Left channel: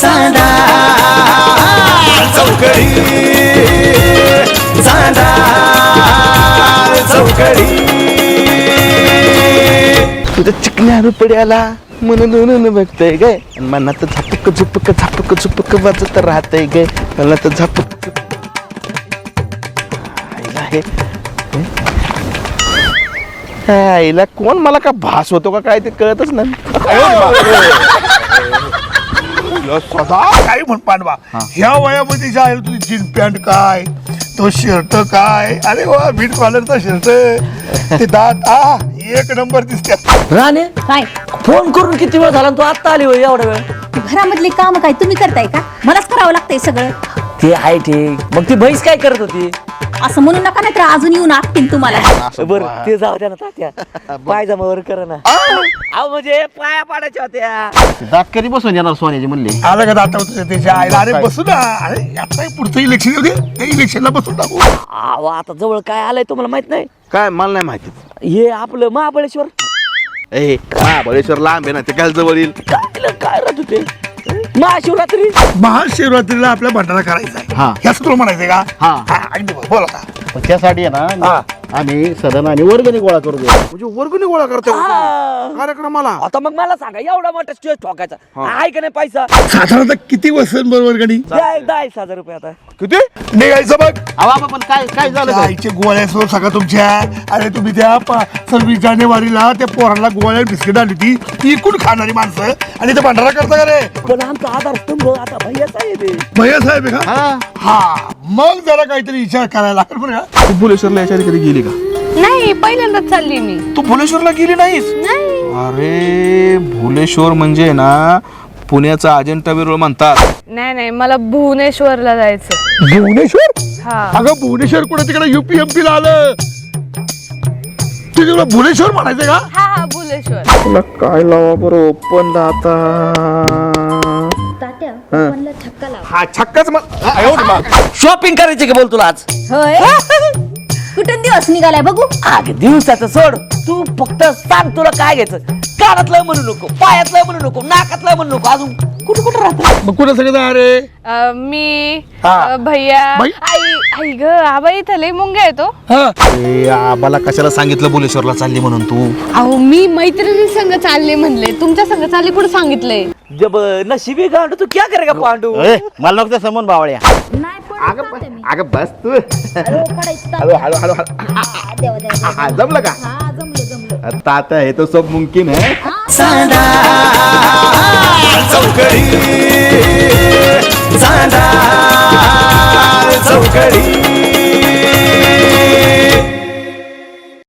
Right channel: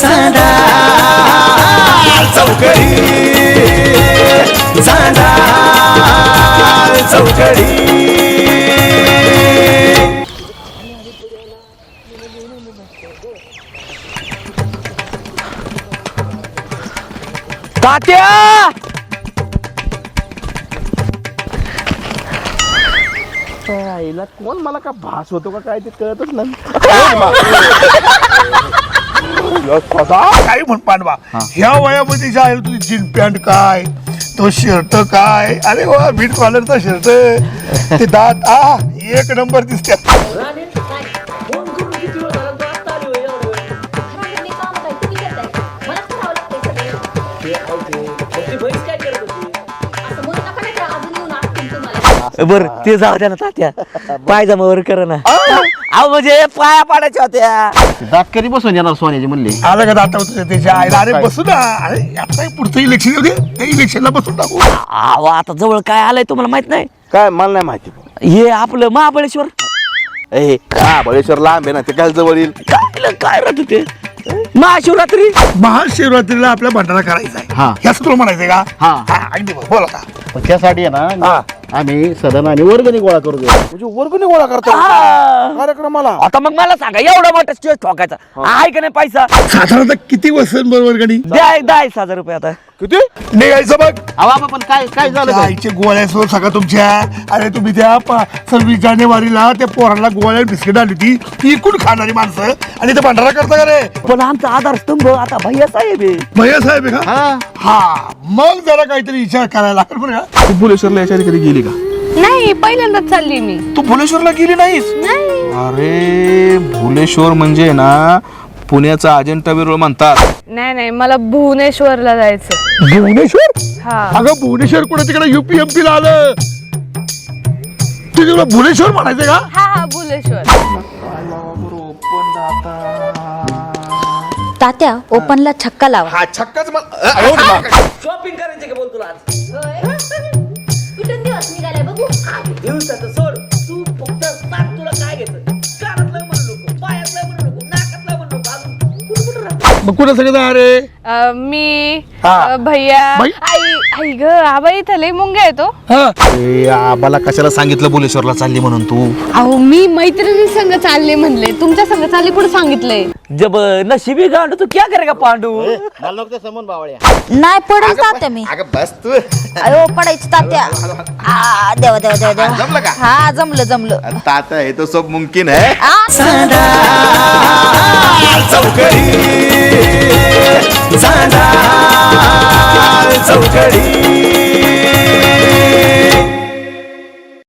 चांदा चौकडी चांदा चौकडी तुझ्या चिकन्या रुपड्याला म्हणून बघतय गे मनात झपक झुपक झपक झुपक वाजत राहतय गे मनात झपक आईला कोण मला का भास होतो का काय ते कळतच नाही काय म्हण पांडवा ह्या वयामध्ये जे आहे तुझी जीन पॅन्ट काय तो शर्ट काय अरे वा बीट कॉलरचा शर्ट ते दात एक नंबर दिसतात. राणे काय फोन करून किती वेळ झाला तू आता आली होय एवढा वेळ घरामधली काम काय तुम्ही करताय का मलाच करावं लागतंय सगळं. ते आहे ठीक मग ती म्हैस काय करत होती असं म्हणू नका नाही तर अजून येऊन आटतील तुम्हाला. बर ते जाऊ द्या ना तात्या पायजामावर कर ना अहो म्हणजे पाया पाडायच्या होत्या दात कधी बसून येणार सोन्याची म्हणली आलं का दाता होतं त्याच्या आईला अरे बसू ना अरे आता पुढचं इलेक्शन येऊ दे त्या इलेक्शनला बसून टाकू. अहो आता जवळ काय आलंय तुम्हाला माहित नाही काय मला नाही माहिती हे आपलं महाबळेश्वर ए महाबळेश्वर लांब आहे ना ते काय जवळ येईल काय राहत ते महाशिवरात्री महाशिवरात्रीला आपल्या भंडारा करायचा आहे हा. ह्याच तुला म्हणायचंय का हा. अगदी बोल आता पण त्यासाठी आहे ना आम्ही सदन आणि वर्गणी गोळा करू म्हणजे वर्गणी गोळा करतो कार्यक्रमाला आता मग मला सांगा एवढा मोठा स्टेज ठोकायचा आहे का नाही पैसा साधारणतः किती वर्षां बरोबर गणी द्या 10,000 रुपये आता किती निघायचं बघ अहो पण काय काय झालं काय? आईचे गोळ्यासोर सगळं तुमच्या अरे तुम्ही त्या 26 जानेवारीला त्या पोराला गोळ्या बिस्किट आली ती इकून खाणारी माणसं आणि ते भंडारा करता का रे पण आमचा आधारस्तंभ आता भैया साहेब आहे. भैया साहेब आहे का हा हा मग जरा काहीतरी विचार करायला लागेल बरं का. तू भुलेश्वरला याच्या आधी कधी गेली का नाही पहिल्यांदाच चालली मी. तू भुलेश्वरला गेली नाहीस नाही अरे भुलेश्वर म्हणजे ना पुण्याचा अजिंठा वेरूळ म्हणतात नाही नाही मला भुवनेश्वरला जायचं. भुवनेश्वर हा अगं भुवनेश्वर कुठे तिकडे UPMP ला आलं तू तुला भुवनेश्वर म्हणायचं का हा हा भुवनेश्वर. तुला काय लावा बरं ओपन तात्या ओपनला छक्का लावा. हा छक्काच शॉपिंग करायची का बोल तुला आज होय कुठं दिवस निघालाय बघू. अरे दिवसाचं सोड तू फक्त सांग तुला काय घ्यायचं कानातलं म्हणू नको पायातलं म्हणू नको नाकातलं म्हणू नको अजून कुठं कुठं राहत मग कुठं सगळं अरे मी हा. भैया बाई? आई ग आबा इथं लय मुंग्या येतो. आबाला कशाला सांगितलं भुलेश्वरला चालली म्हणून तू अहो मी मैत्रिणी संग चालले म्हणले तुमच्या संग चालले कुठं सांगितलंय. जब नशिबी गांडू तू क्या करेगा पांडू मला नको समोर बावळ्या नाही पडेल तात्या मी. अगं बस तू अयो पडायचं तात्या. हा, देवा देवा देवा देवा. जमलं का हा जमलं ताता है तो सब मुमकिन है चांदा चौकडी चांदा चौकडी